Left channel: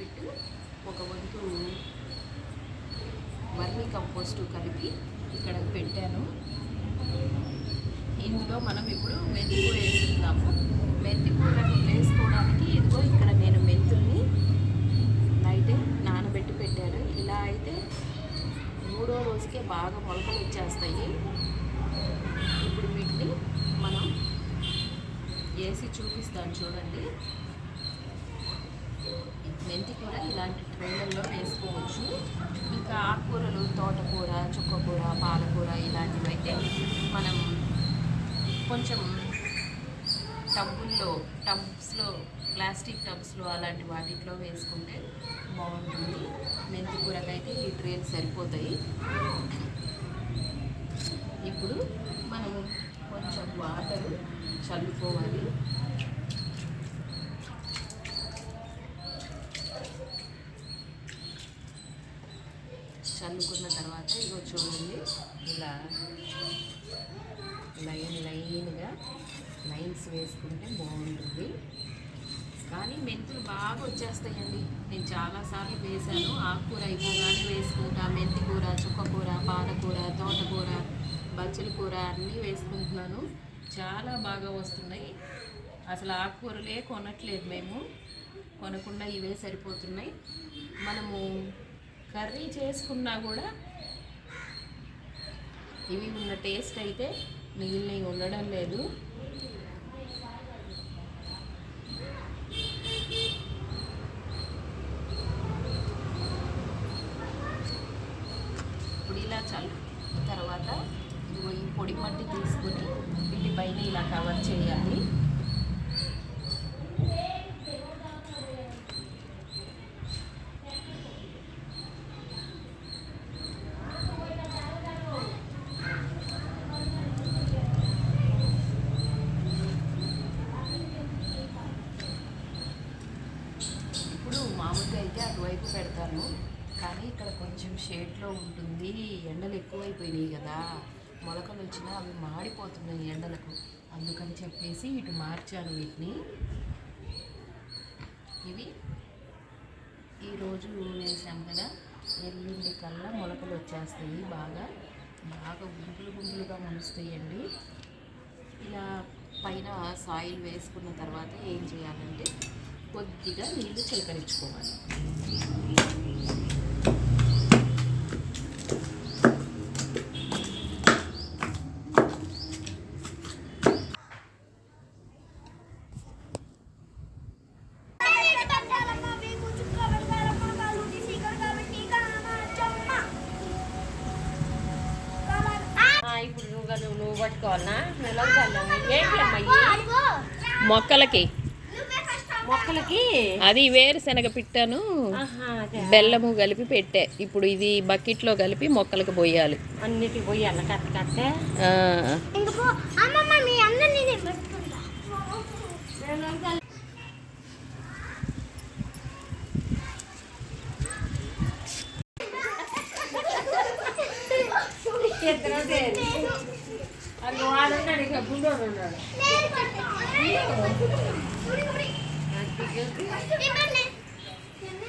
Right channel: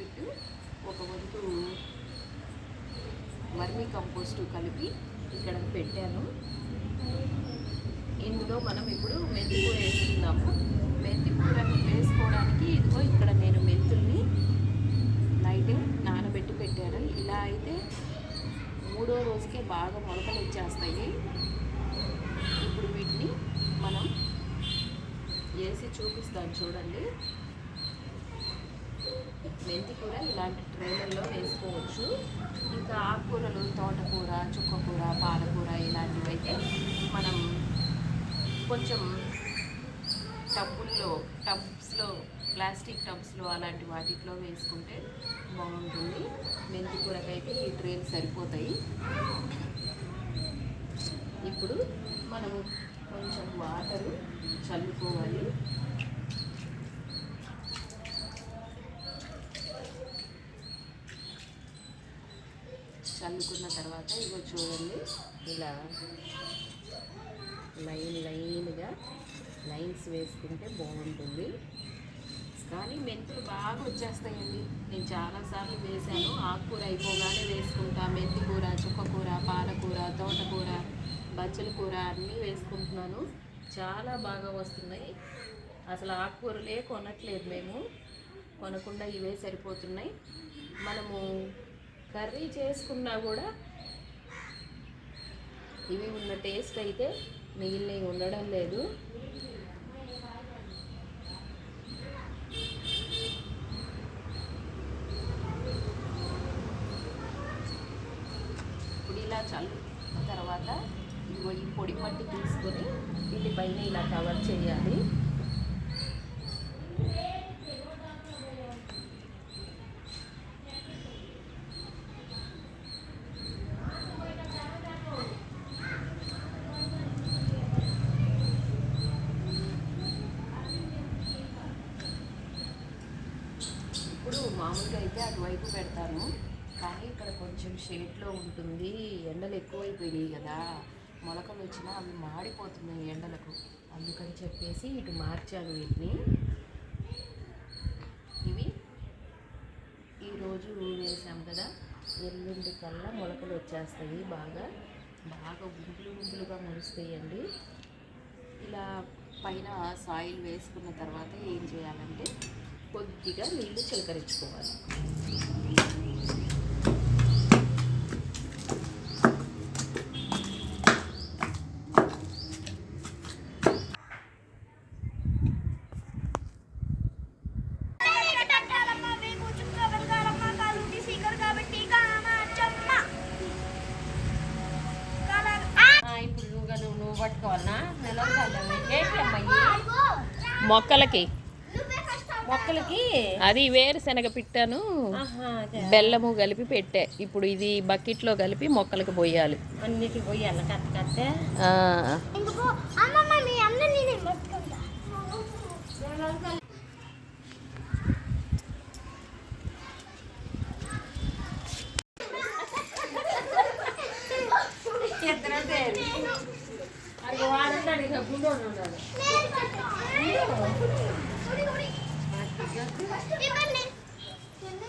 Cocopeat ఒక వంతు vermi compost కలిపి ఇక్కడ పెట్టాను. ఇందులో మనం ఇప్పుడు మెంతికూర వేసుకుందాము. మెంతికూరను వేసుకోవడానికి ఇదిగో ఇక్కడ నేను మెంతుల్ని నైట్ నానబెట్టి పెట్టాను. ఇలా అయితే మూడో రోజుకే బాగా మొలకలు వచ్చేస్తాయి. ఇప్పుడు వీటిని మనం వేసి చూపిస్తాను చూడండి. మెంతి కూర ఇలాంటి ట్రైలర్లో వేసుకోవచ్చు. ఇంకా ఆకుకూరలు తోటకూర చుక్కకూర పాలకూర ఇలాంటివి అయితే మనం కొంచెం టబ్బుల్లో టబ్స్లో ప్లాస్టిక్ టబ్స్లో అలాంటి వాటిలో వేసుకుంటే బాగుంటుంది. మెంతి కూరకైతే ఈ ట్రేలు సరిపోతాయి. ఇప్పుడు మనము కొంచెం వాటరు చల్లుకోవాలి. చల్లుకున్న తర్వాత ఇగో చూడండి ఇలా లైన్ లైన్గా లైన్స్ వేసుకుంటే బాగుంటుంది. కానీ మెంతులు బాగా వచ్చేస్తాయండి. నేను చాలాసార్లు వేశాను. ఆకుకూర అయిపోగానే వేసుకుంటా. మెంతి కూర చుక్కకూర పాలకూర తోటకూర బచ్చల కూర అన్నీ వేసుకుంటున్నాను. చాలా బాగా వస్తున్నాయి. అసలు ఆకుకూరలే కొనట్లేదు మేము. కొనకుండా ఇవే సరిపోతున్నాయి. మనము కర్రీ చేసుకున్నా కూడా ఇవి ఉన్న టేస్ట్ అయితే మిగిలినవి ఉండడం లేదు. ఇప్పుడు ఇలా చల్లు తర్వాత ఇదిగో ఈ పొడి మట్టి తీసుకొని వీటిపైన ఇలా కవర్ చేయాలి ఇప్పుడు మామూలుగా అయితే అటువైపు పెడతాను. కానీ ఇక్కడ కొంచెం షేడ్లో ఉంటుంది. ఎండలు ఎక్కువైపోయినాయి కదా. మొలకలు వచ్చినా అవి మాడిపోతున్నాయి ఎండలకు. అందుకని చెప్పేసి ఇటు మార్చాను వీటిని. ఇవి ఈరోజు వేసాం కదా. ఎల్లుండి కల్లా మొలకలు వచ్చేస్తాయి బాగా. బాగా గుంపులు గుంపులుగా మొలుస్తాయండి. ఇలా పైన సాయిల్ వేసుకున్న తర్వాత ఏం చేయాలంటే కొద్దిగా నీళ్ళు చిలకరించుకోవాలి. ఇప్పుడు మొక్కలకి అది వేరుశనగ పిట్టను బెల్లము కలిపి పెట్టే. ఇప్పుడు ఇది బకెట్లో కలిపి మొక్కలకు పోయాలి. అన్నిటి పోయాలి కట్ట కట్టే ఆ, అమ్మమ్మ మీ అందరినీ నేను పెట్టుకుంటా. అది వాడున్నాడు ఇక బుల్లోడు ఉన్నాడు. 你把呢